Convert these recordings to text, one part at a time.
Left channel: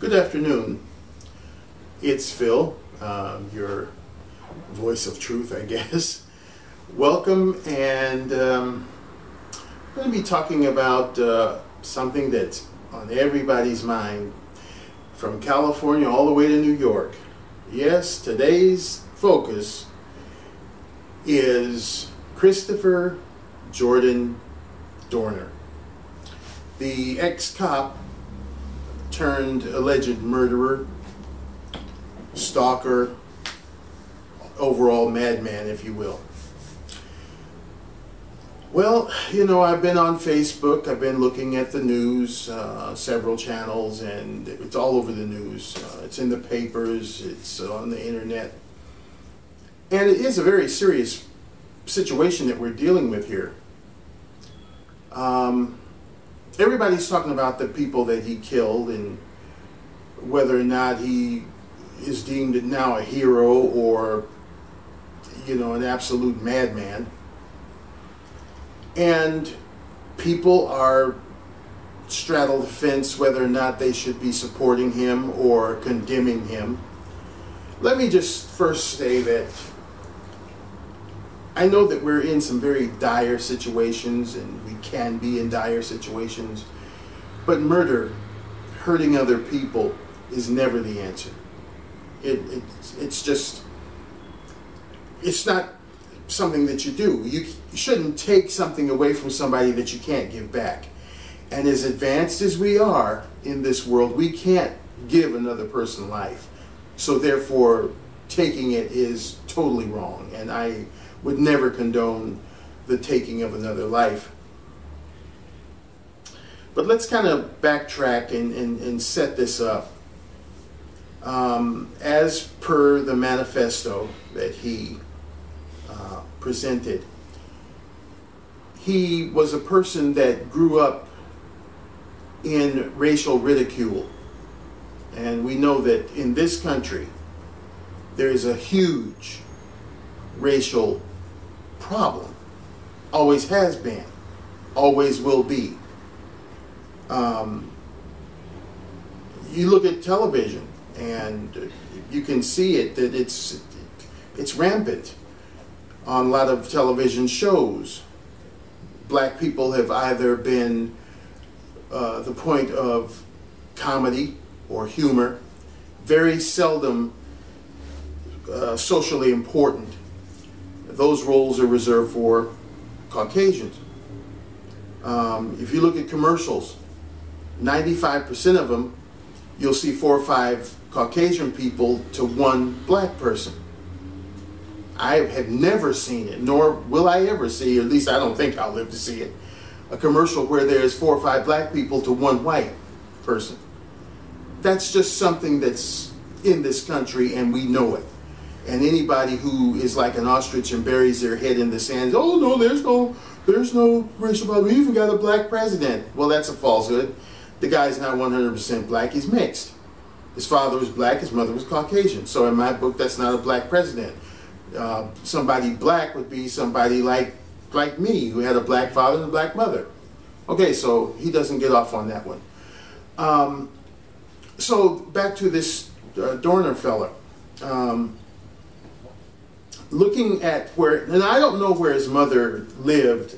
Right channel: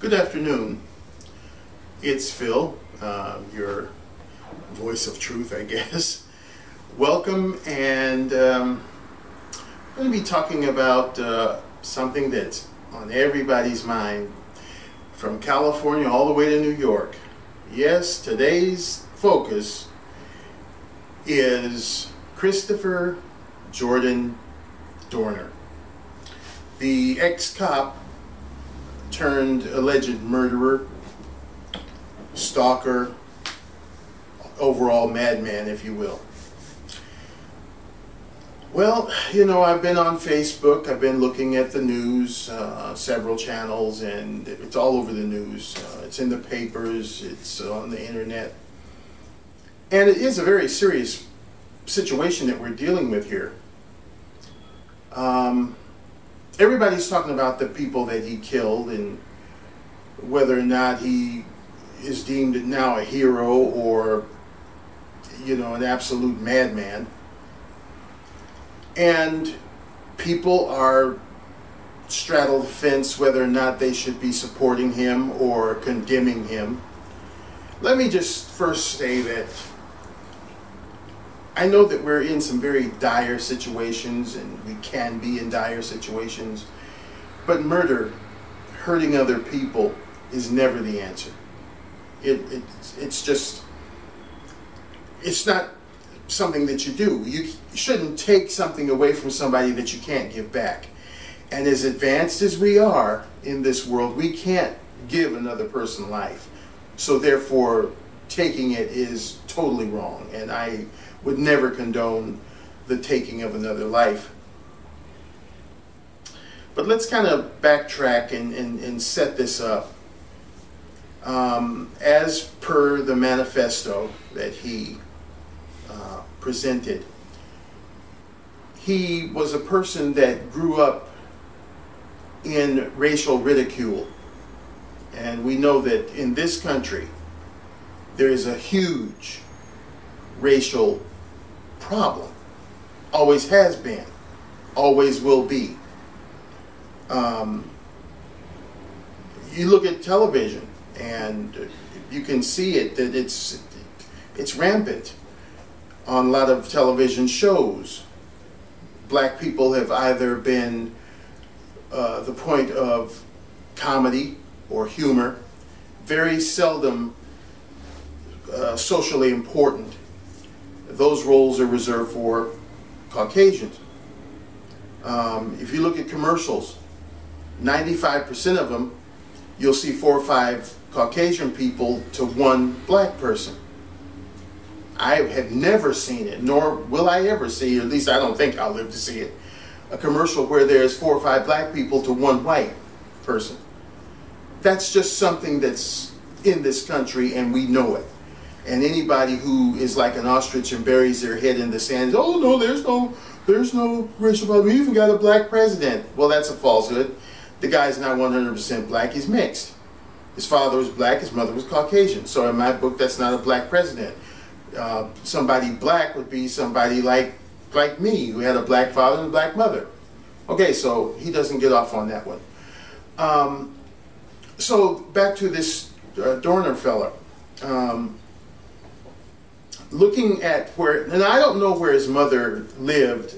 Good afternoon. It's Phil, your voice of truth, I guess. Welcome, and I'm going to be talking about something that's on everybody's mind, from California all the way to New York. Yes, today's focus is Christopher Jordan Dorner, the ex-cop turned alleged murderer, stalker, overall madman, if you will. Well, you know, I've been on Facebook, I've been looking at the news, several channels, and it's all over the news. It's in the papers, it's on the internet. And it is a very serious situation that we're dealing with here. Everybody's talking about the people that he killed and whether or not he is deemed now a hero or, you know, an absolute madman. And people are straddle the fence whether or not they should be supporting him or condemning him. Let me just first say that I know that we're in some very dire situations, and we can be in dire situations, but murder, hurting other people, is never the answer. It's not something that you do. You shouldn't take something away from somebody that you can't give back. And as advanced as we are in this world, we can't give another person life. So therefore, taking it is totally wrong, and I would never condone the taking of another life. But let's kind of backtrack and set this up. As per the manifesto that he presented, he was a person that grew up in racial ridicule. And we know that in this country, there is a huge racial problem. Always has been, always will be. You look at television and you can see it, that it's rampant on a lot of television shows. Black people have either been the point of comedy or humor, very seldom socially important. Those roles are reserved for Caucasians. If you look at commercials, 95% of them, you'll see 4 or 5 Caucasian people to 1 black person. I have never seen it, nor will I ever see, or at least I don't think I'll live to see it, a commercial where there's 4 or 5 black people to 1 white person. That's just something that's in this country, and we know it. And anybody who is like an ostrich and buries their head in the sand, oh no, there's no racial problem. We even got a black president. Well, that's a falsehood. The guy's not 100% black, he's mixed. His father was black, his mother was Caucasian. So in my book, that's not a black president. Somebody black would be somebody like me, who had a black father and a black mother. Okay, so he doesn't get off on that one. So back to this Dorner fella. Looking at where, and I don't know where his mother lived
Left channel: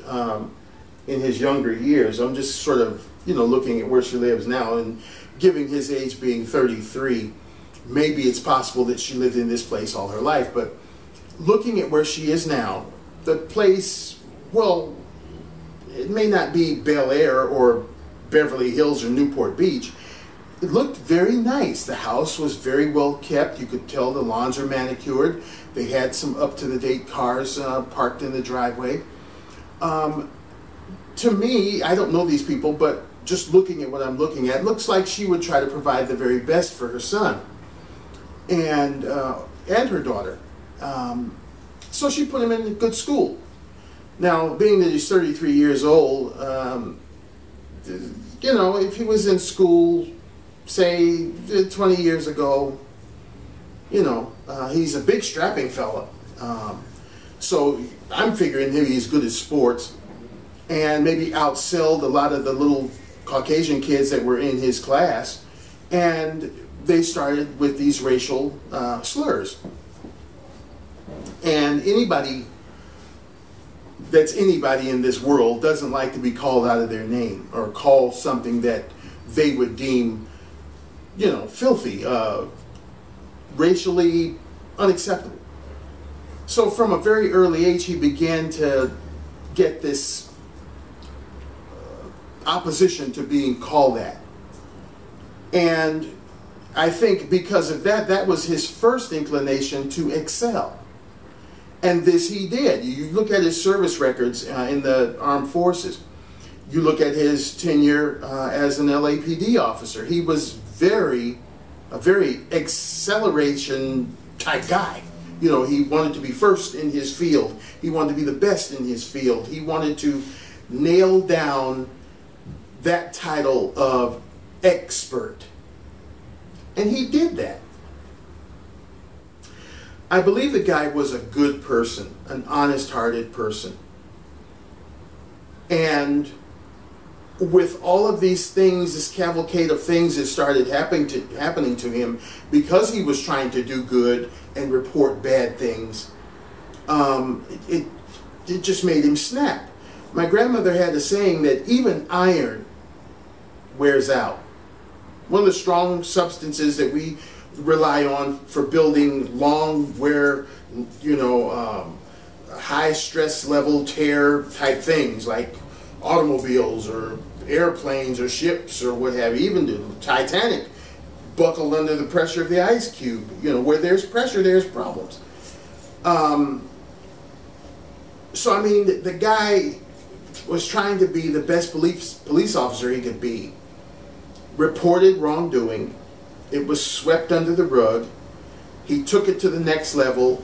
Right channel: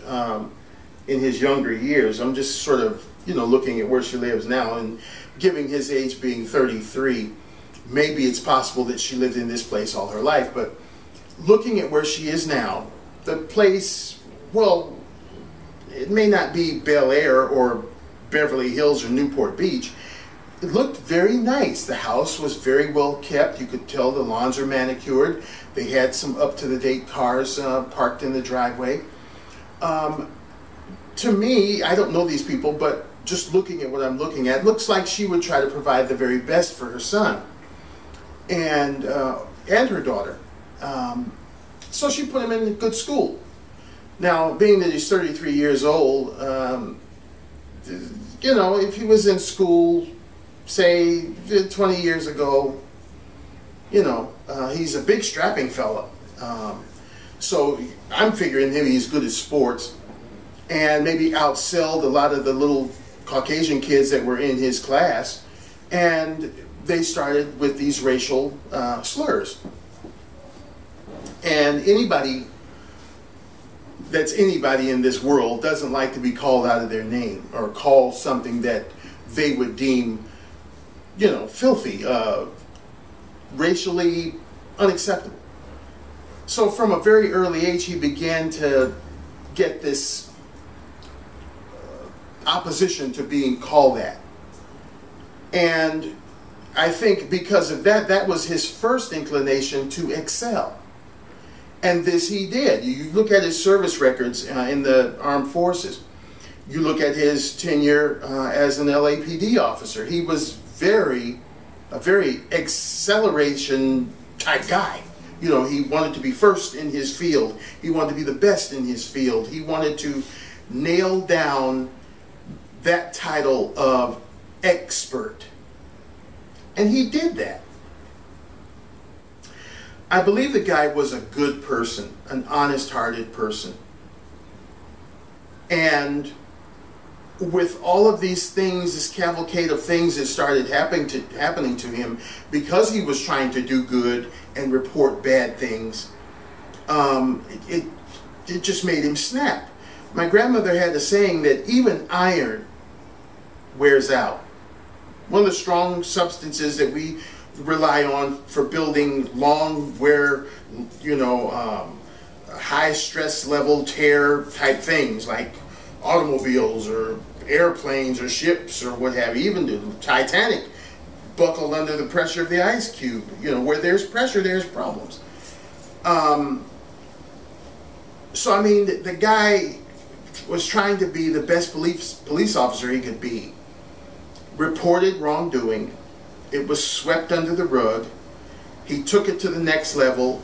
in his younger years. I'm just sort of, you know, looking at where she lives now, and giving his age being 33, maybe it's possible that she lived in this place all her life. But looking at where she is now, the place, well, it may not be Bel Air or Beverly Hills or Newport Beach. It looked very nice. The house was very well kept. You could tell the lawns were manicured. They had some up-to-the-date cars parked in the driveway. To me, I don't know these people, but just looking at what I'm looking at, looks like she would try to provide the very best for her son and her daughter. So she put him in a good school. Now, being that he's 33 years old, you know, if he was in school, say 20 years ago, you know, he's a big strapping fella. So I'm figuring maybe he's good at sports and maybe outsold a lot of the little Caucasian kids that were in his class And they started with these racial slurs. And anybody that's anybody in this world doesn't like to be called out of their name or called something that they would deem, you know, filthy, racially unacceptable. So from a very early age, he began to get this opposition to being called that. And I think because of that, that was his first inclination to excel. And this he did. You look at his service records in the armed forces. You look at his tenure as an L.A.P.D. officer. He was a very acceleration type guy. You know, he wanted to be first in his field. He wanted to be the best in his field. He wanted to nail down that title of expert. And he did that. I believe the guy was a good person, an honest-hearted person. And with all of these things, this cavalcade of things that started happening to him, because he was trying to do good and report bad things, it just made him snap. My grandmother had a saying that even iron wears out. One of the strong substances that we rely on for building long wear, you know, high stress level tear type things like automobiles or airplanes or ships or what have you. Even the Titanic buckled under the pressure of the ice cube. You know, where there's pressure, there's problems. So, I mean, the guy was trying to be the best police officer he could be. Reported wrongdoing. It was swept under the rug. He took it to the next level.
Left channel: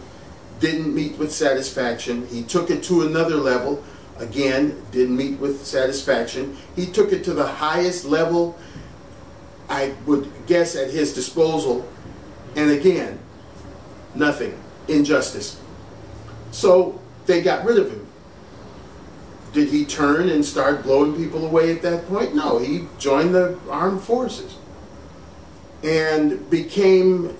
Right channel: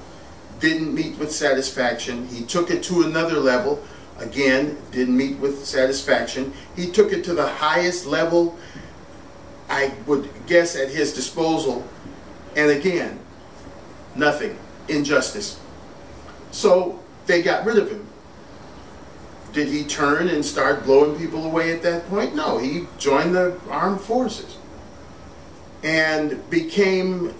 Didn't meet with satisfaction. He took it to another level. Again, didn't meet with satisfaction. He took it to the highest level, I would guess, at his disposal. And again, nothing. Injustice. So they got rid of him. Did he turn and start blowing people away at that point? No, he joined the armed forces and became,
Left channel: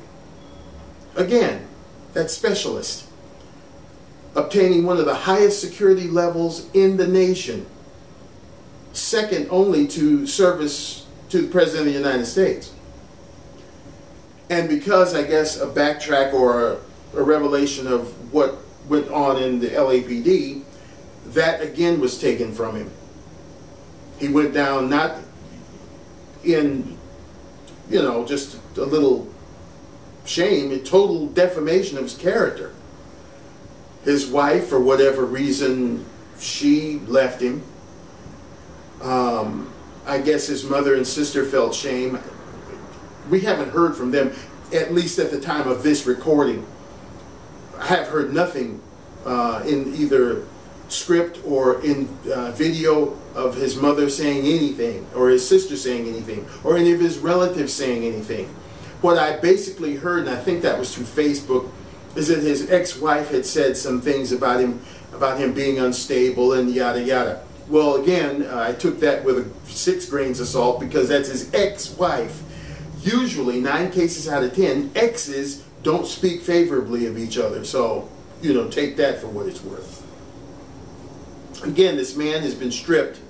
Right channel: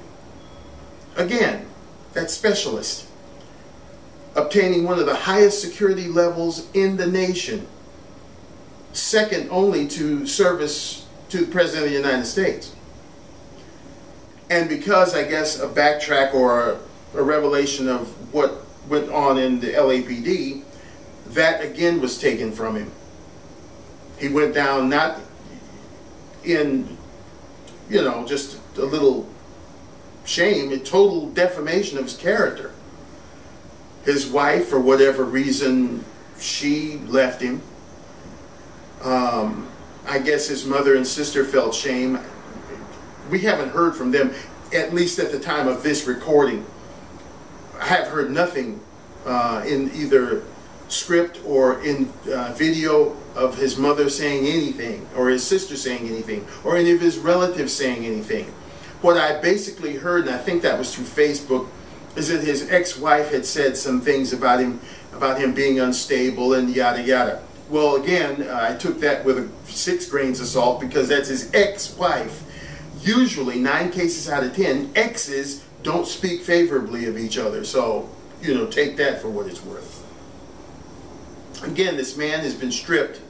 again, that specialist, obtaining one of the highest security levels in the nation, second only to service to the President of the United States. And because, I guess, a backtrack or a revelation of what went on in the L.A.P.D., that again was taken from him. He went down not in, you know, just a little shame, a total defamation of his character. His wife, for whatever reason, she left him. I guess his mother and sister felt shame. We haven't heard from them, at least at the time of this recording. I have heard nothing in either script or in video of his mother saying anything, or his sister saying anything, or any of his relatives saying anything. What I basically heard, and I think that was through Facebook, is that his ex-wife had said some things about him being unstable and yada yada. Well, again, I took that with 6 grains of salt because that's his ex-wife. Usually, 9 cases out of 10, exes don't speak favorably of each other. So, you know, take that for what it's worth. Again, this man has been stripped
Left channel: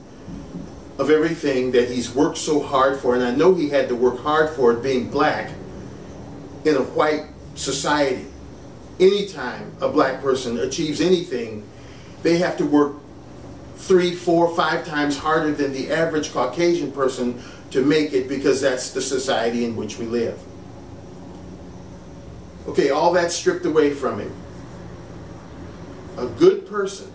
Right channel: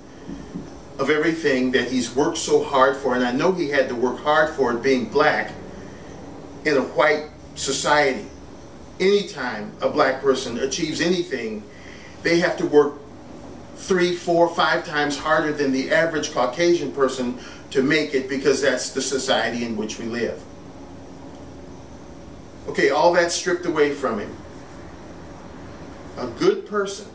of everything that he's worked so hard for, and I know he had to work hard for it being black in a white society. Anytime a black person achieves anything, they have to work 3, 4, 5 times harder than the average Caucasian person to make it, because that's the society in which we live. Okay, all that stripped away from him. A good person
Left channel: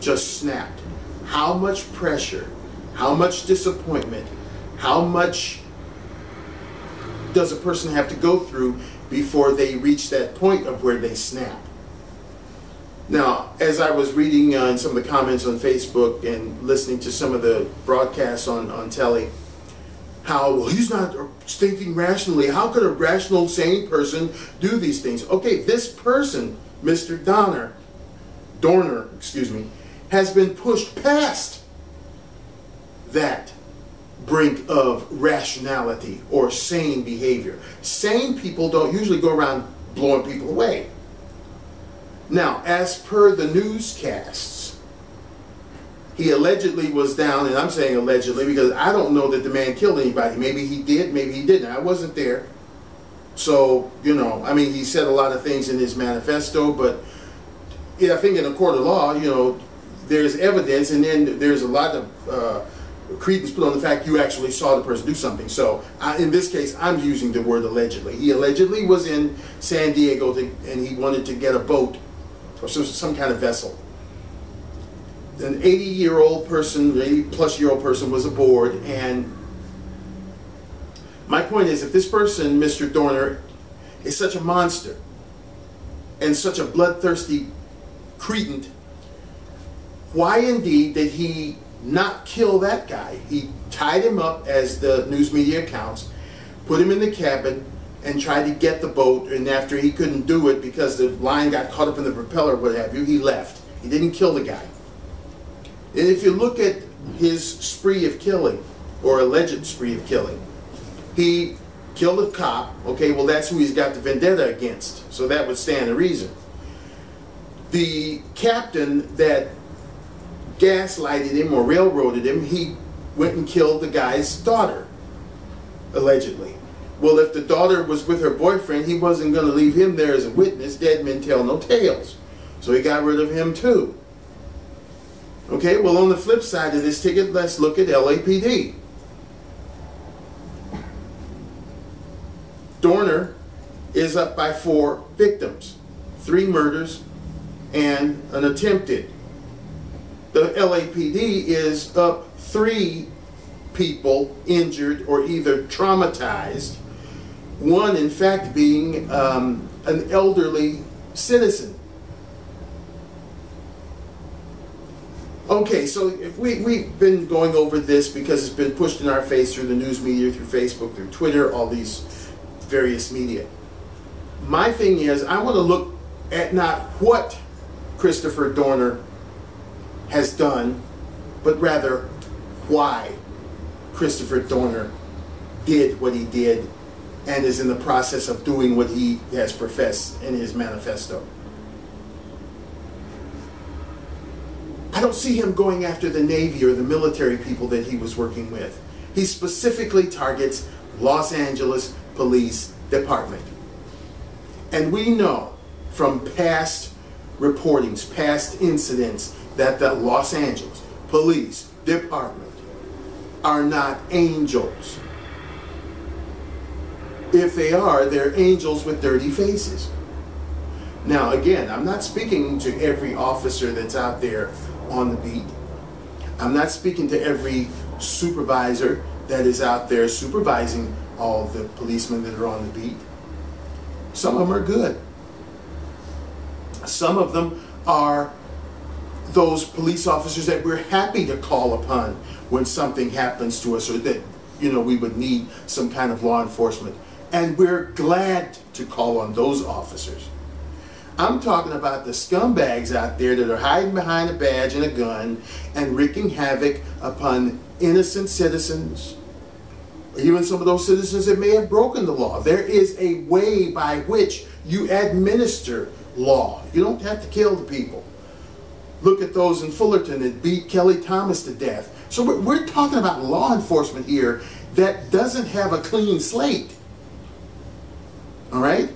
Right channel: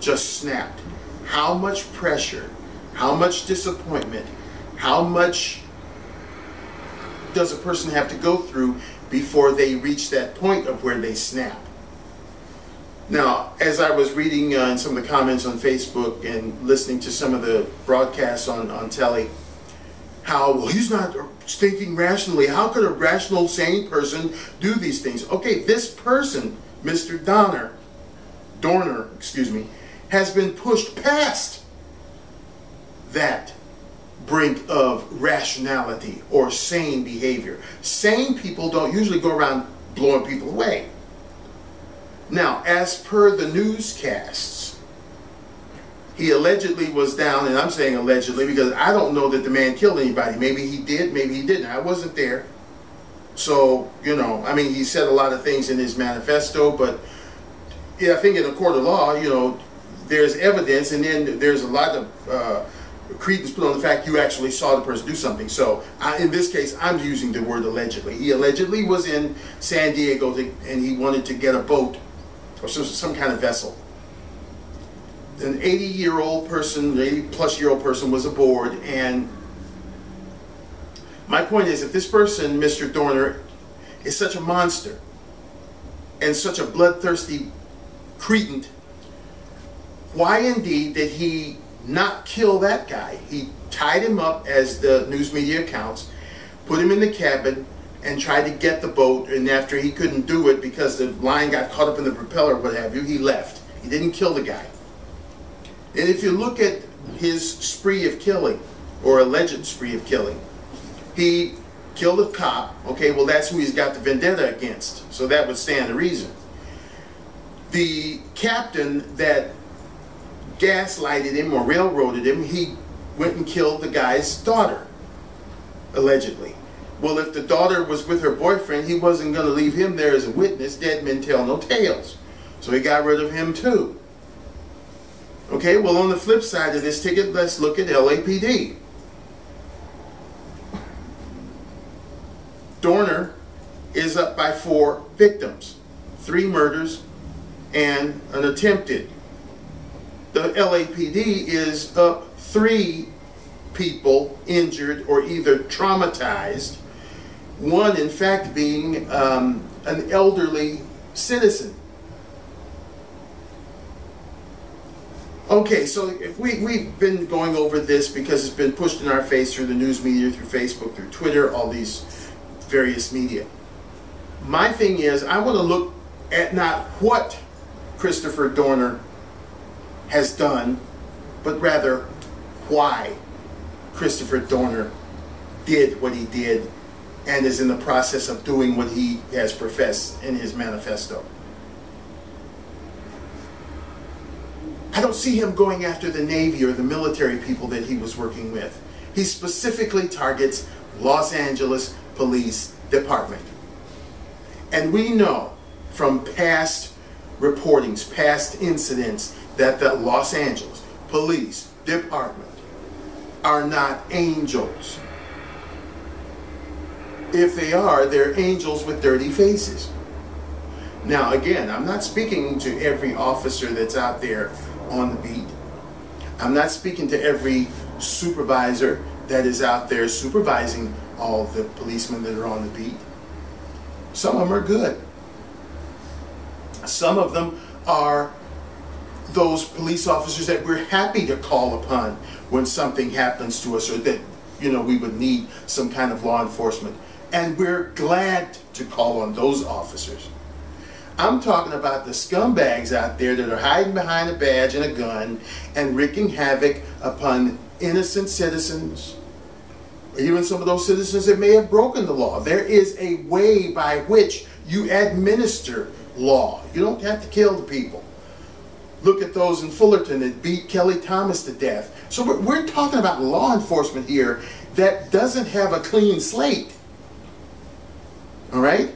just snapped. How much pressure, how much disappointment, how much does a person have to go through before they reach that point of where they snap? Now, as I was reading in some of the comments on Facebook and listening to some of the broadcasts on telly, how, well, he's not thinking rationally. How could a rational, sane person do these things? Okay, this person, Mr. Dorner, has been pushed past that. brink of rationality or sane behavior. Sane people don't usually go around blowing people away. Now, as per the newscasts, he allegedly was down, and I'm saying allegedly because I don't know that the man killed anybody. Maybe he did, maybe he didn't. I wasn't there. So, you know, I mean, he said a lot of things in his manifesto, but yeah, I think in a court of law, you know, there's evidence, and then there's a lot of credence put on the fact you actually saw the person do something. So in this case, I'm using the word allegedly. He allegedly was in San Diego and he wanted to get a boat or some kind of vessel. An 80-year-old person, 80-plus-year-old person was aboard, and my point is, if this person, Mr. Dorner, is such a monster and such a bloodthirsty cretin, why indeed did he not kill that guy? He tied him up, as the news media accounts, put him in the cabin, and tried to get the boat, and after he couldn't do it because the line got caught up in the propeller or what have you, he left. He didn't kill the guy. And if you look at his spree of killing, or alleged spree of killing, he killed a cop. Okay, well, that's who he's got the vendetta against, so that would stand to reason. The captain that gaslighted him or railroaded him, he went and killed the guy's daughter, allegedly. Well, if the daughter was with her boyfriend, he wasn't going to leave him there as a witness. Dead men tell no tales. So he got rid of him too. Okay, well, on the flip side of this ticket, let's look at L.A.P.D. Dorner is up by 4 victims, 3 murders and an attempted. The L.A.P.D. is up 3 people injured or either traumatized, one in fact being an elderly citizen. Okay, so if we've been going over this because it's been pushed in our face through the news media, through Facebook, through Twitter, all these various media. My thing is, I want to look at not what Christopher Dorner has done, but rather why Christopher Dorner did what he did and is in the process of doing what he has professed in his manifesto. I don't see him going after the Navy or the military people that he was working with. He specifically targets Los Angeles Police Department. And we know from past reportings, past incidents, that the Los Angeles Police Department are not angels. If they are, they're angels with dirty faces. Now, again, I'm not speaking to every officer that's out there on the beat. I'm not speaking to every supervisor that is out there supervising all the policemen that are on the beat. Some of them are good. Some of them are those police officers that we're happy to call upon when something happens to us or that, you know, we would need some kind of law enforcement. And we're glad to call on those officers. I'm talking about the scumbags out there that are hiding behind a badge and a gun and wreaking havoc upon innocent citizens, even some of those citizens that may have broken the law. There is a way by which you administer law. You don't have to kill the people. Look at those in Fullerton that beat Kelly Thomas to death. So we're talking about law enforcement here that doesn't have a clean slate. All right?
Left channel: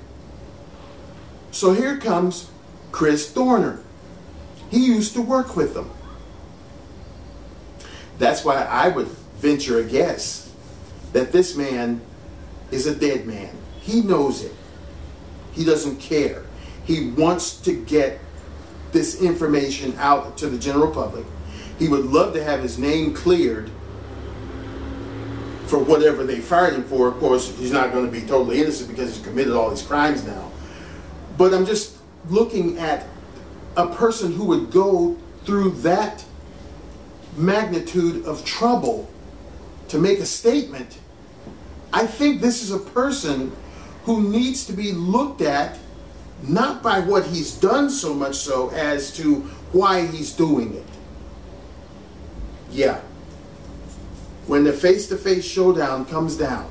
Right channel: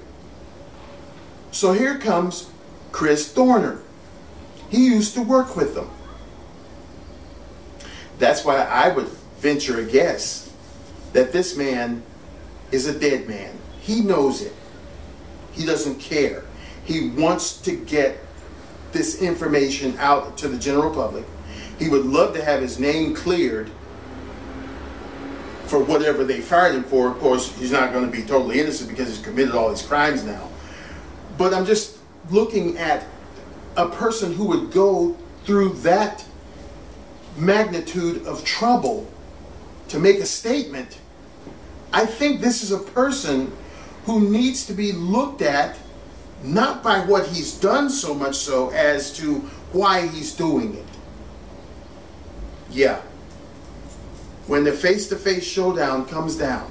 So here comes Chris Dorner. He used to work with them. That's why I would venture a guess that this man is a dead man. He knows it. He doesn't care. He wants to get this information out to the general public. He would love to have his name cleared for whatever they fired him for. Of course, he's not going to be totally innocent because he's committed all these crimes now. But I'm just looking at a person who would go through that magnitude of trouble to make a statement. I think this is a person who needs to be looked at not by what he's done so much so as to why he's doing it. Yeah. when the face-to-face showdown comes down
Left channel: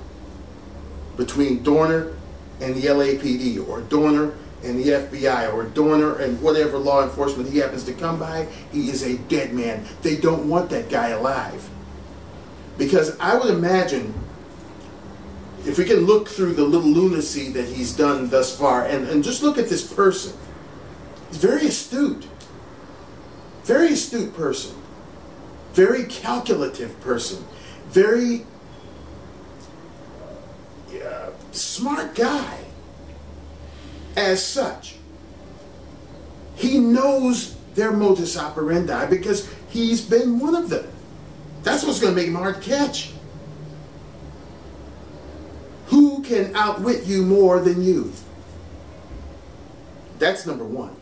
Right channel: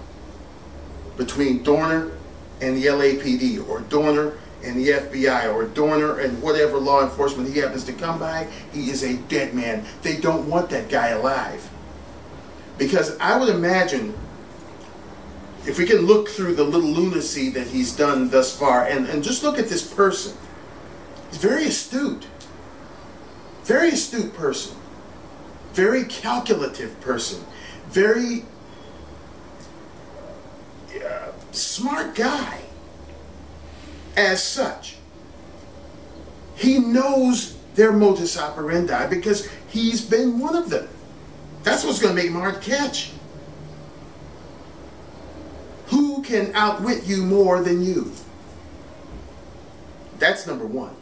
between Dorner and the L.A.P.D. or Dorner and the FBI or Dorner and whatever law enforcement he happens to come by, he is a dead man. They don't want that guy alive. Because I would imagine, if we can look through the little lunacy that he's done thus far, and just look at this person. He's very astute person, very calculative person, very smart guy. As such, he knows their modus operandi because he's been one of them. That's what's going to make him hard to catch. Who can outwit you more than you? That's number one.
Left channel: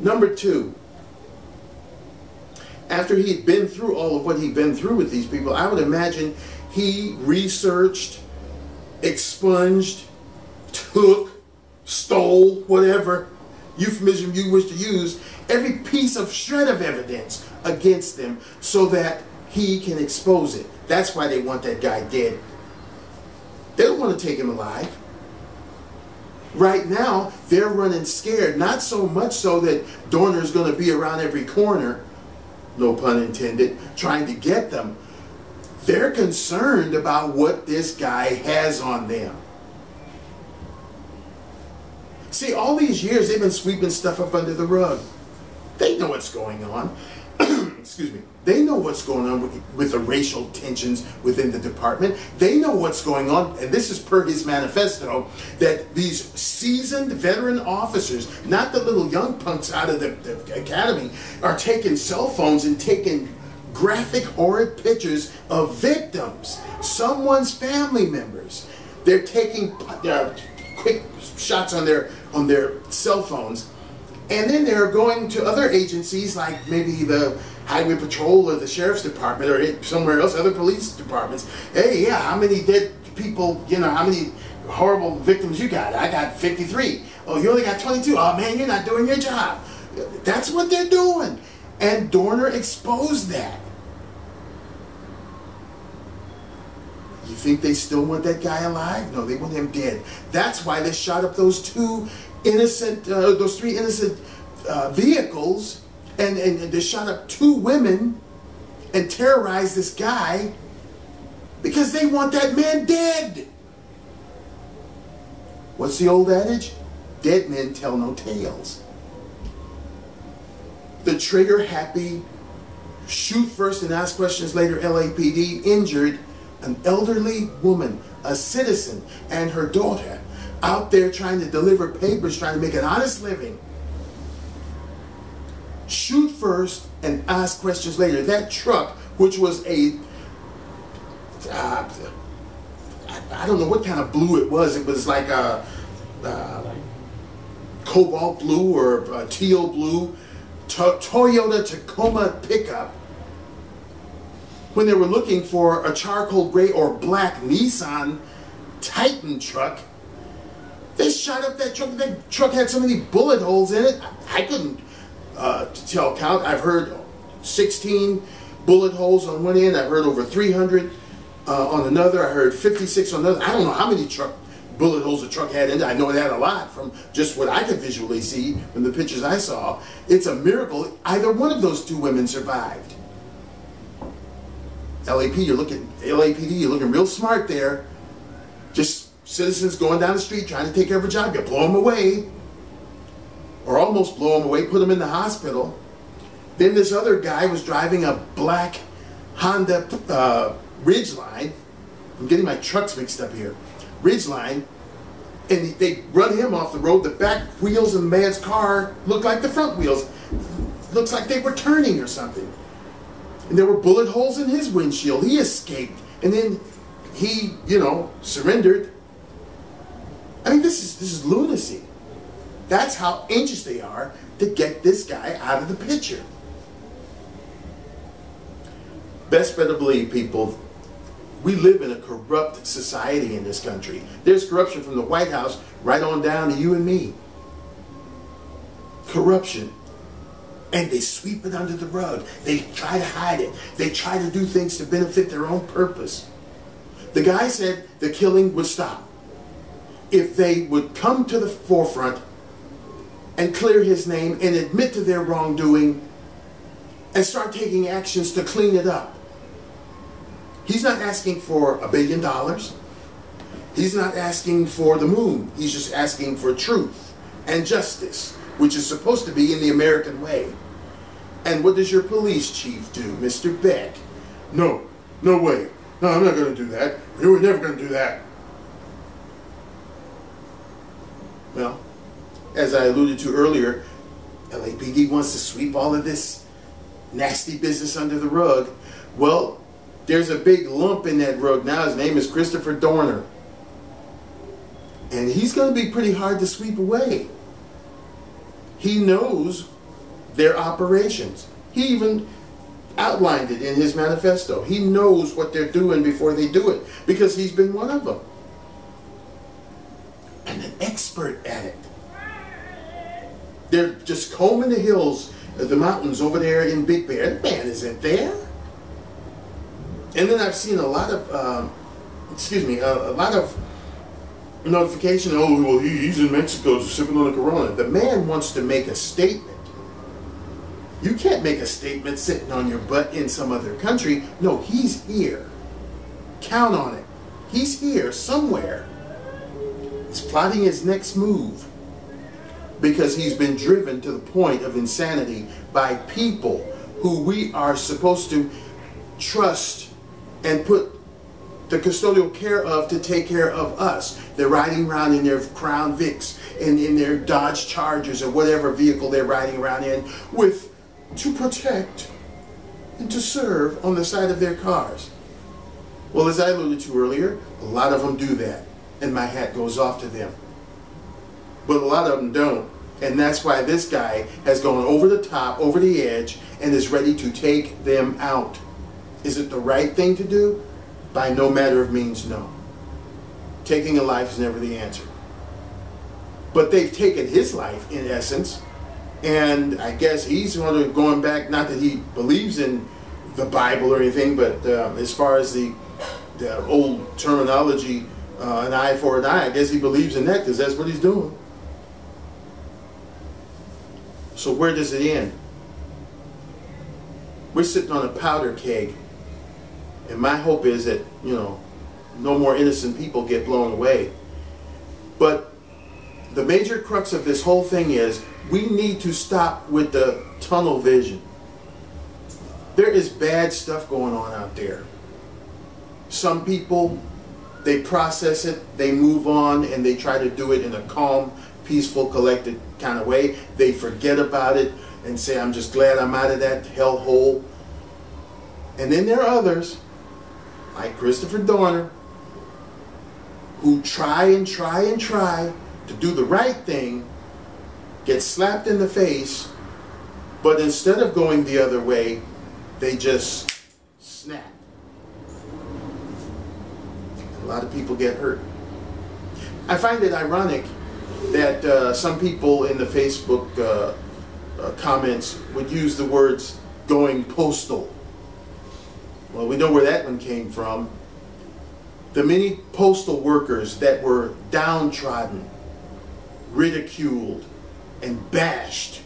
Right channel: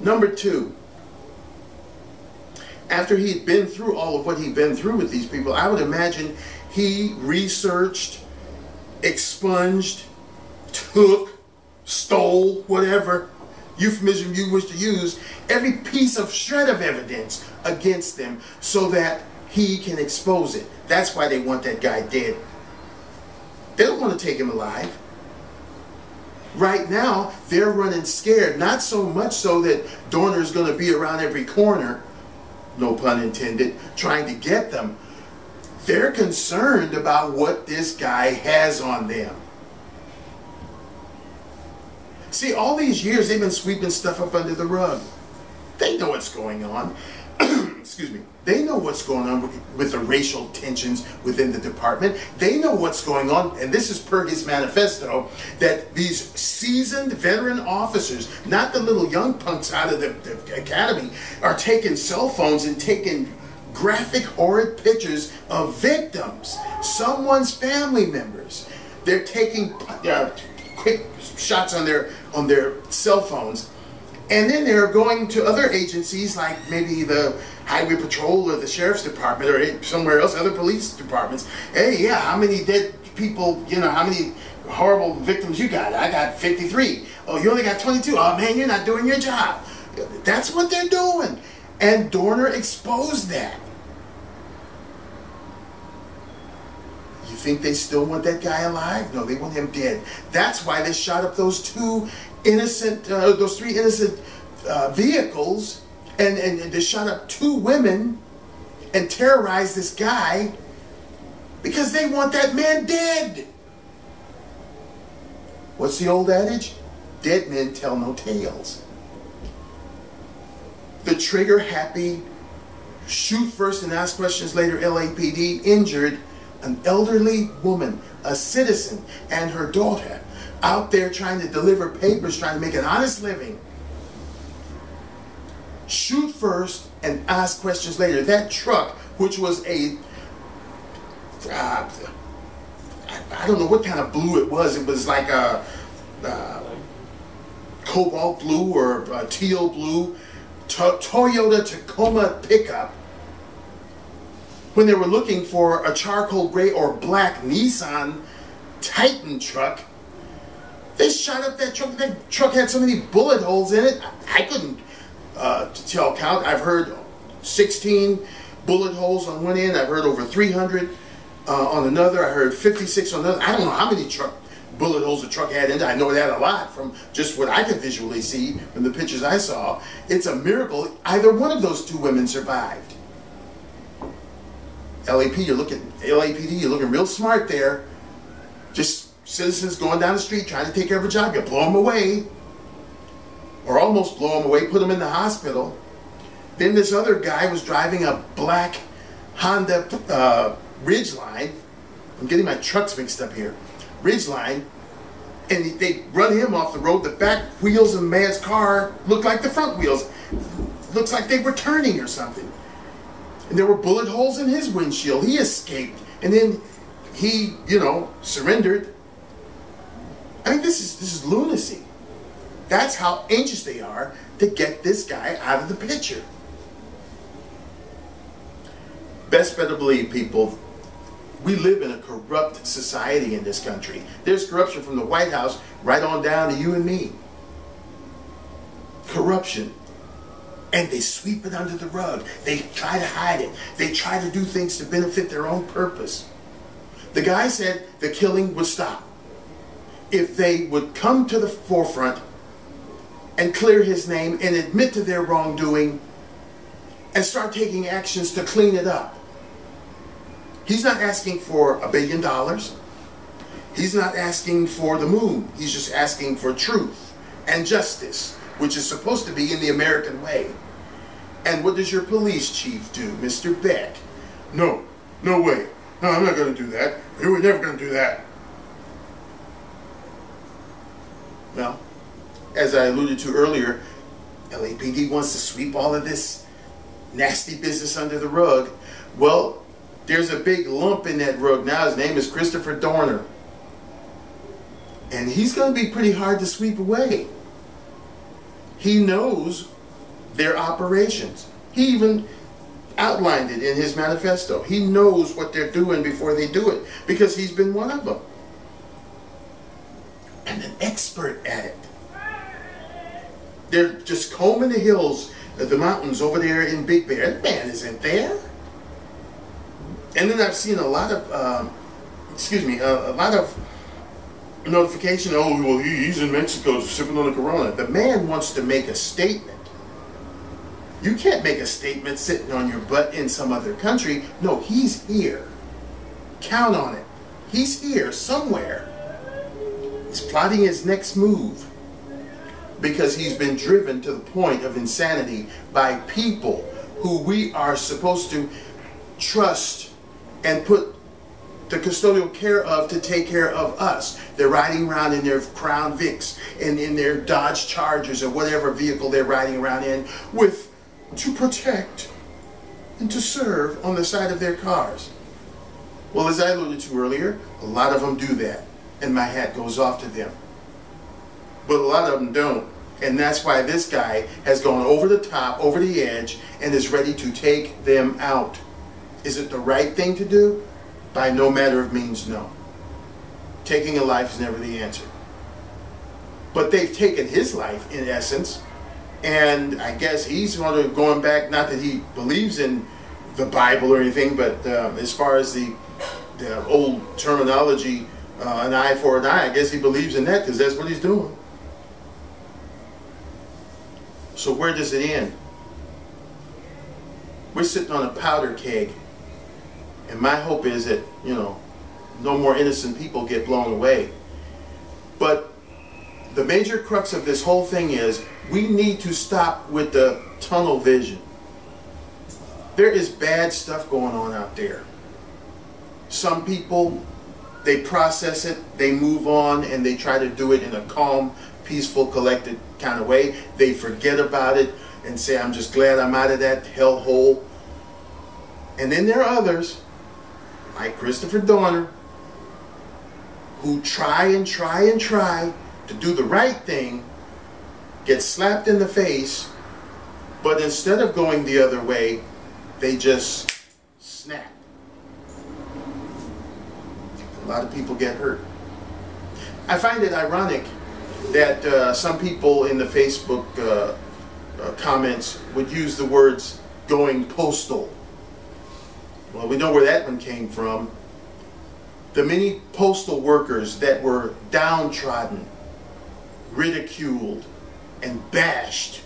Number two, after he'd been through all of what he'd been through with these people, I would imagine he researched, expunged, took, stole, whatever euphemism you wish to use, every piece of shred of evidence against them so that he can expose it. That's why they want that guy dead. They don't want to take him alive. Right now, they're running scared. Not so much so that Dorner is going to be around every corner, no pun intended, trying to get them. They're concerned about what this guy has on them. See, all these years, they've been sweeping stuff up under the rug. They know what's going on. Excuse me. They know what's going on with the racial tensions within the department. They know what's going on, and this is per his manifesto, that these seasoned veteran officers, not the little young punks out of the academy, are taking cell phones and taking graphic, horrid pictures of victims, someone's family members. They're taking quick shots on their cell phones. And then they're going to other agencies like maybe the Highway Patrol or the Sheriff's Department or somewhere else, other police departments. Hey, yeah, how many dead people, how many horrible victims you got? I got 53. Oh, you only got 22. Oh, man, you're not doing your job. That's what they're doing. And Dorner exposed that. You think they still want that guy alive? No, they want him dead. That's why they shot up those three innocent vehicles, and they shot up 2 women and terrorized this guy because they want that man dead. What's the old adage? Dead men tell no tales. The trigger-happy, shoot first and ask questions later L.A.P.D. injured an elderly woman, a citizen, and her daughter out there trying to deliver papers, trying to make an honest living. Shoot first and ask questions later. That truck, which was I don't know what kind of blue it was. It was like a cobalt blue or a teal blue Toyota Tacoma pickup. When they were looking for a charcoal gray or black Nissan Titan truck, they shot up that truck. That truck had so many bullet holes in it, I couldn't count. I've heard 16 bullet holes on one end. I've heard over 300 on another. I heard 56 on another. I don't know how many bullet holes the truck had in it. I know that a lot from just what I could visually see from the pictures I saw. It's a miracle either one of those 2 women survived. L.A.P.D., you're looking real smart there. Just citizens going down the street trying to take care of a job. You blow them away, or almost blow them away, put them in the hospital. Then this other guy was driving a black Honda Ridgeline. I'm getting my trucks mixed up here. Ridgeline. And they run him off the road. The back wheels of the man's car looked like the front wheels. Looks like they were turning or something. And there were bullet holes in his windshield. He escaped. And then he, surrendered. I mean, this is lunacy. That's how anxious they are to get this guy out of the picture. Best better believe, people, we live in a corrupt society in this country. There's corruption from the White House right on down to you and me. Corruption. And they sweep it under the rug. They try to hide it. They try to do things to benefit their own purpose. The guy said the killing would stop if they would come to the forefront and clear his name and admit to their wrongdoing and start taking actions to clean it up. He's not asking for $1 billion. He's not asking for the moon. He's just asking for truth and justice, which is supposed to be in the American way. And what does your police chief do, Mr. Beck? No way. No, I'm not going to do that. We're never going to do that. Well, as I alluded to earlier, L.A.P.D. wants to sweep all of this nasty business under the rug. Well, there's a big lump in that rug now. His name is Christopher Dorner. And he's going to be pretty hard to sweep away. He knows their operations. He even outlined it in his manifesto. He knows what they're doing before they do it, because he's been one of them. And an expert at it. They're just combing the hills, the mountains over there in Big Bear. The man isn't there. And then I've seen a lot of, a lot of notification. Oh, well, he's in Mexico sipping on the Corona. The man wants to make a statement. You can't make a statement sitting on your butt in some other country. No, he's here. Count on it. He's here somewhere. He's plotting his next move because he's been driven to the point of insanity by people who we are supposed to trust and put the custodial care of to take care of us. They're riding around in their Crown Vics and in their Dodge Chargers or whatever vehicle they're riding around in to protect and to serve on the side of their cars. Well, as I alluded to earlier, a lot of them do that, and my hat goes off to them. But a lot of them don't, and that's why this guy has gone over the top, over the edge, and is ready to take them out. Is it the right thing to do? By no matter of means, no. Taking a life is never the answer. But they've taken his life, in essence, and I guess he's going back, not that he believes in the Bible or anything, but as far as the old terminology, an eye for an eye, I guess he believes in that because that's what he's doing. So where does it end? We're sitting on a powder keg. And my hope is that, no more innocent people get blown away. But the major crux of this whole thing is we need to stop with the tunnel vision. There is bad stuff going on out there. Some people, they process it, they move on, and they try to do it in a calm, peaceful, collected kind of way. They forget about it and say, I'm just glad I'm out of that hellhole. And then there are others, like Christopher Dorner, who try to do the right thing, get slapped in the face, but instead of going the other way, they just snap. A lot of people get hurt. I find it ironic that some people in the Facebook comments would use the words going postal. Well, we know where that one came from. The many postal workers that were downtrodden, ridiculed, and bashed,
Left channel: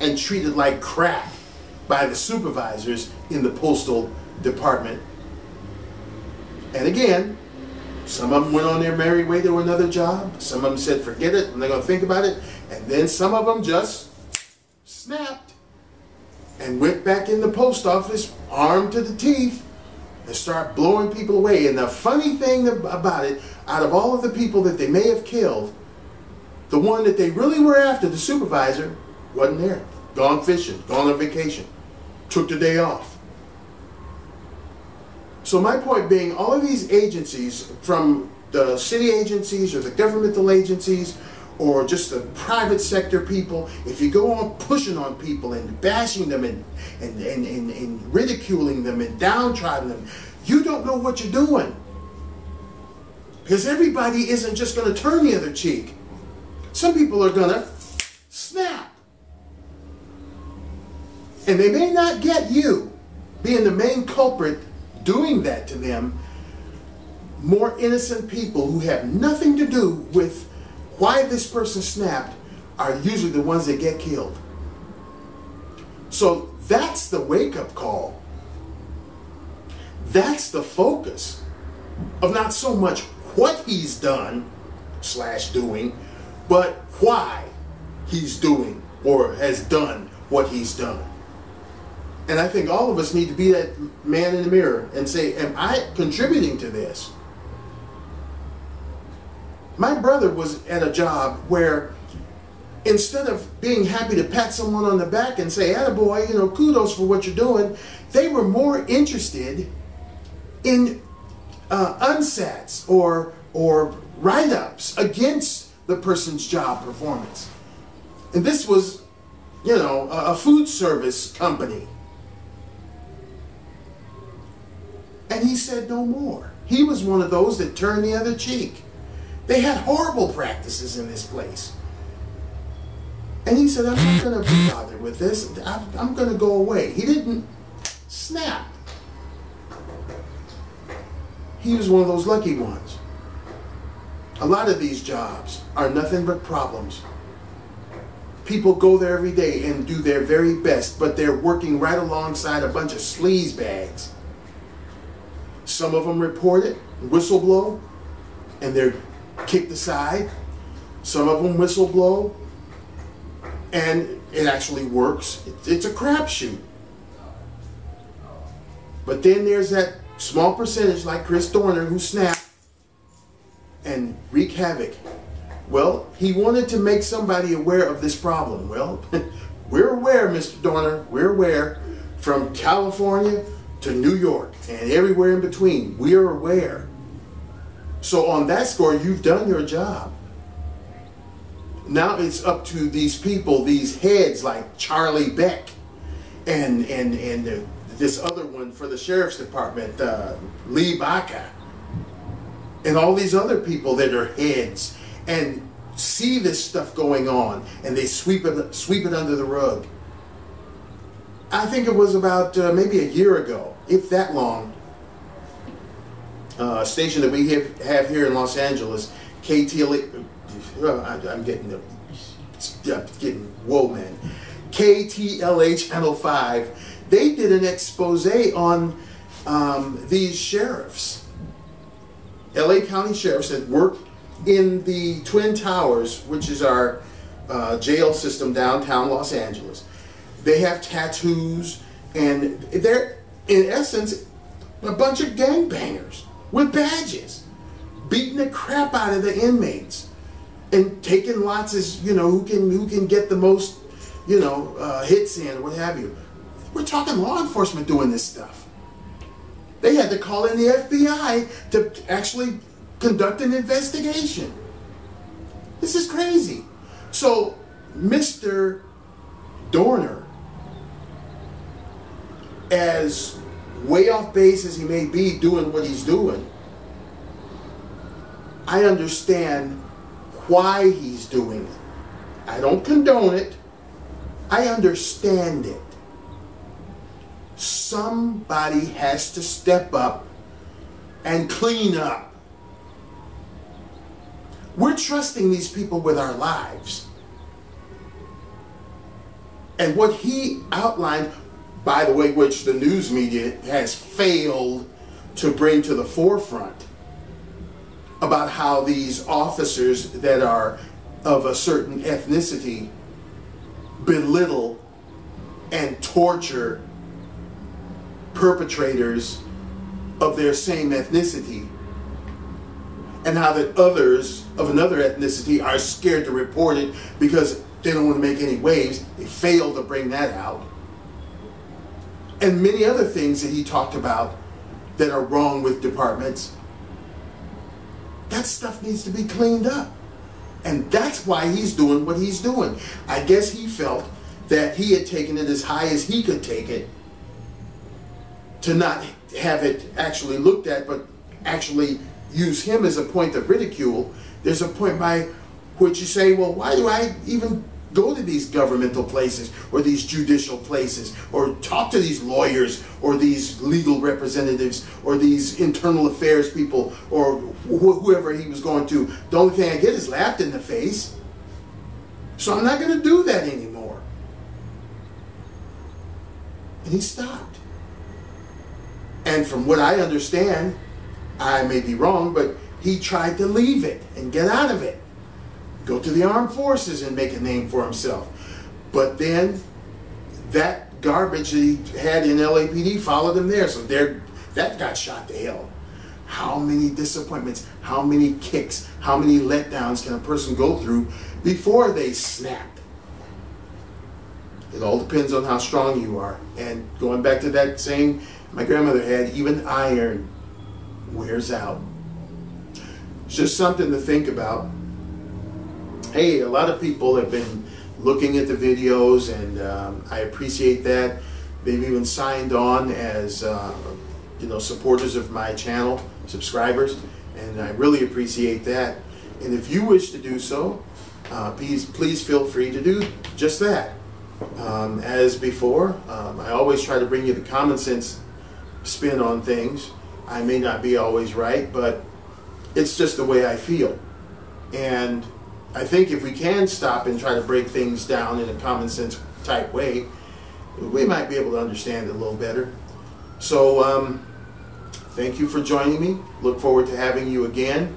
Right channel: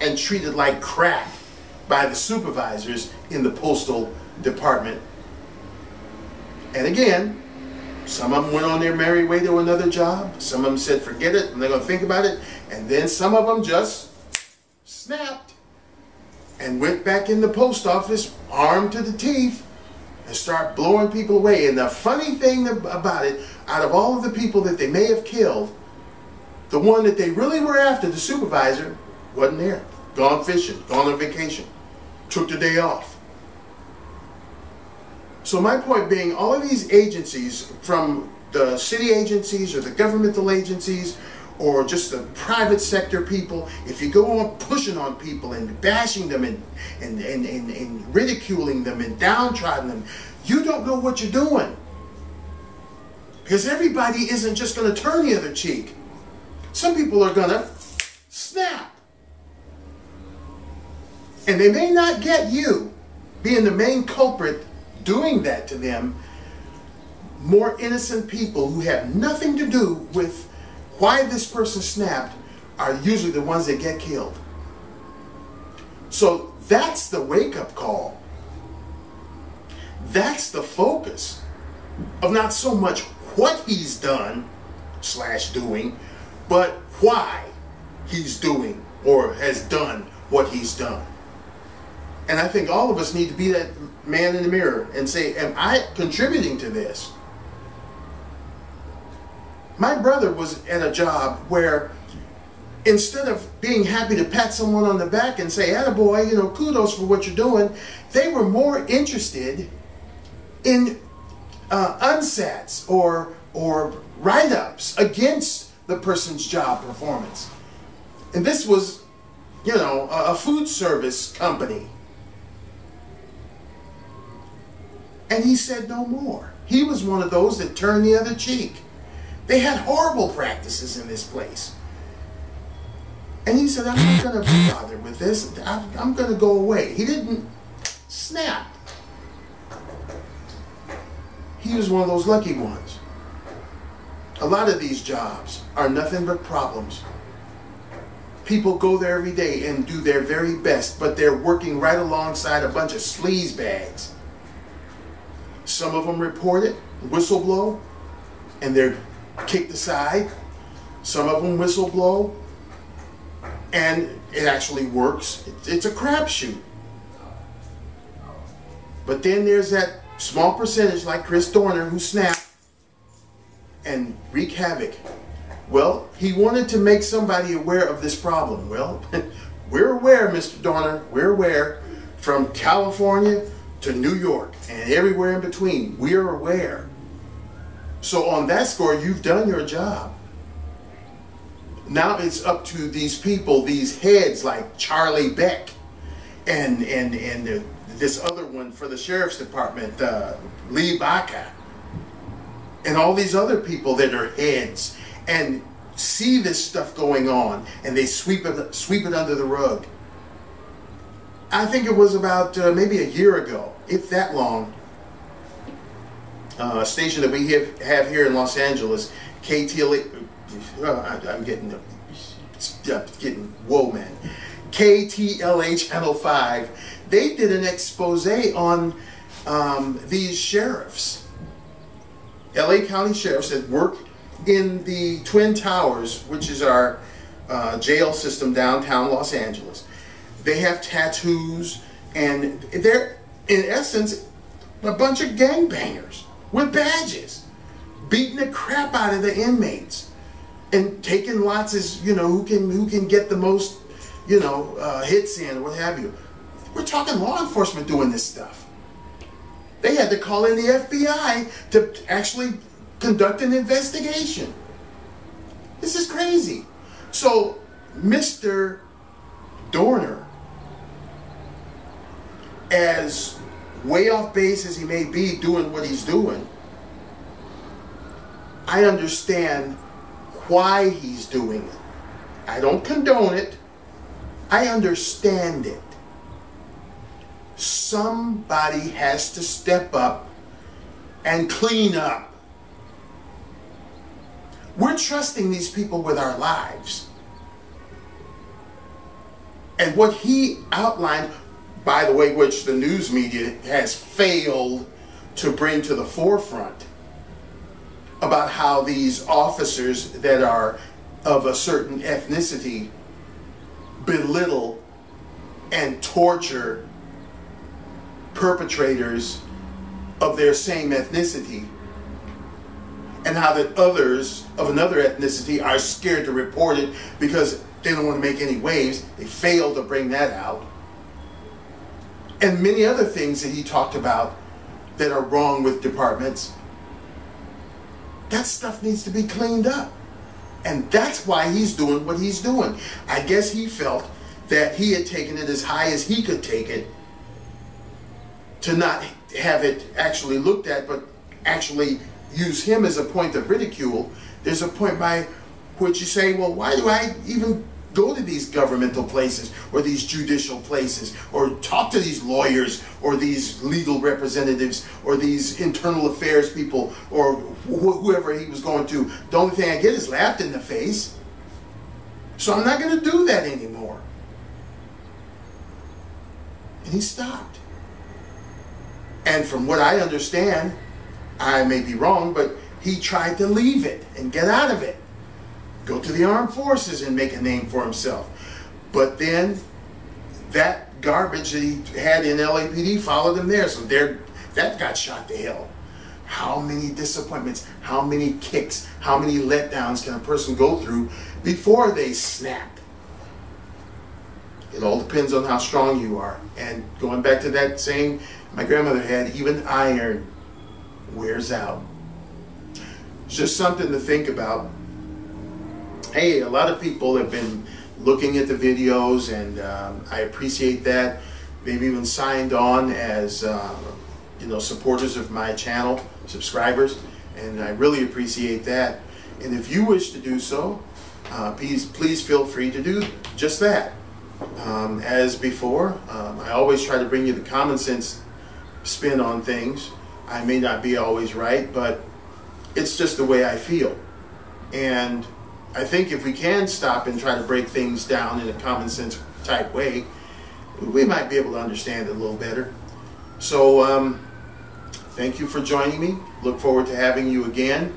and treated like crap by the supervisors in the postal department. And again, some of them went on their merry way to another job. Some of them said, forget it, and they're going to think about it. And then some of them just snapped and went back in the post office, armed to the teeth, and start blowing people away. And the funny thing about it, out of all of the people that they may have killed, the one that they really were after, the supervisor, wasn't there. Gone fishing, gone on vacation, took the day off. So my point being, all of these agencies, from the city agencies or the governmental agencies or just the private sector people, if you go on pushing on people and bashing them and ridiculing them and downtrodden them, you don't know what you're doing. Because everybody isn't just going to turn the other cheek. Some people are going to snap. And they may not get you being the main culprit doing that to them. More innocent people who have nothing to do with why this person snapped are usually the ones that get killed. So that's the wake-up call. That's the focus of not so much what he's done / doing, but why he's doing or has done what he's done. And I think all of us need to be that man in the mirror and say, am I contributing to this? My brother was at a job where instead of being happy to pat someone on the back and say, attaboy, you know, kudos for what you're doing, they were more interested in unsats or write-ups against the person's job performance. And this was, you know, a food service company. And he said no more. He was one of those that turned the other cheek. They had horrible practices in this place. And he said, I'm not going to be bothered with this. I'm going to go away. He didn't snap. He was one of those lucky ones. A lot of these jobs are nothing but problems. People go there every day and do their very best, but they're working right alongside a bunch of sleaze bags. Some of them report it, whistle blow, and they're kicked aside. Some of them whistle blow, and it actually works. It's a crapshoot. But then there's that small percentage like Chris Dorner who snapped and wreak havoc. Well, he wanted to make somebody aware of this problem. Well, we're aware, Mr. Dorner. We're aware. From California to New York and everywhere in between, we're aware. So on that score, you've done your job. Now it's up to these people, these heads like Charlie Beck and this other one for the sheriff's department, Lee Baca, and all these other people that are heads and see this stuff going on and they sweep it under the rug. I think it was about maybe a year ago, if that long, a station that we have here in Los Angeles, I'm getting whoa, man. KTLA Channel 5, they did an expose on these sheriffs, LA County sheriffs that work in the Twin Towers, which is our jail system downtown Los Angeles. They have tattoos, and they're, in essence, a bunch of gangbangers with badges, beating the crap out of the inmates, and taking lots as, you know, who can get the most, you know, hits in, or what have you. We're talking law enforcement doing this stuff. They had to call in the FBI to actually conduct an investigation. This is crazy. So, Mr. Dorner, as way off base as he may be doing what he's doing, I understand why he's doing it. I don't condone it. I understand it. Somebody has to step up and clean up. We're trusting these people with our lives. And what he outlined, by the way, which the news media has failed to bring to the forefront, about how these officers that are of a certain ethnicity belittle and torture perpetrators of their same ethnicity, and how that others of another ethnicity are scared to report it because they don't want to make any waves. They failed to bring that out. And many other things that he talked about that are wrong with departments. That stuff needs to be cleaned up. And that's why he's doing what he's doing. I guess he felt that he had taken it as high as he could take it, to not have it actually looked at, but actually use him as a point of ridicule. There's a point by which you say, well, why do I even Go to these governmental places or these judicial places, or talk to these lawyers or these legal representatives or these internal affairs people or whoever he was going to. The only thing I get is laughed in the face. So I'm not going to do that anymore. And he stopped. And from what I understand, I may be wrong, but he tried to leave it and get out of it. Go to the armed forces and make a name for himself. But then that garbage that he had in L.A.P.D. followed him there. So that got shot to hell. How many disappointments, how many kicks, how many letdowns can a person go through before they snap? It all depends on how strong you are. And going back to that saying my grandmother had, even iron wears out. It's just something to think about. Hey, a lot of people have been looking at the videos, and I appreciate that. They've even signed on as supporters of my channel, subscribers, and I really appreciate that. And if you wish to do so, please feel free to do just that. As before, I always try to bring you the common sense spin on things. I may not be always right, but it's just the way I feel. And I think if we can stop and try to break things down in a common sense type way, we might be able to understand it a little better. So thank you for joining me. Look forward to having you again.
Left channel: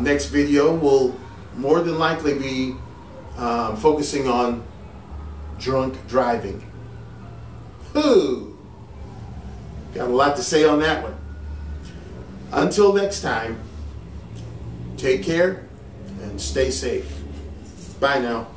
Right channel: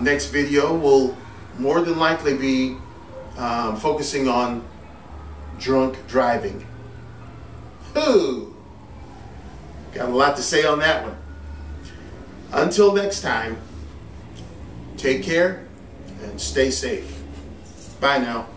Next video will more than likely be focusing on drunk driving. Ooh, got a lot to say on that one. Until next time, take care and stay safe. Bye now.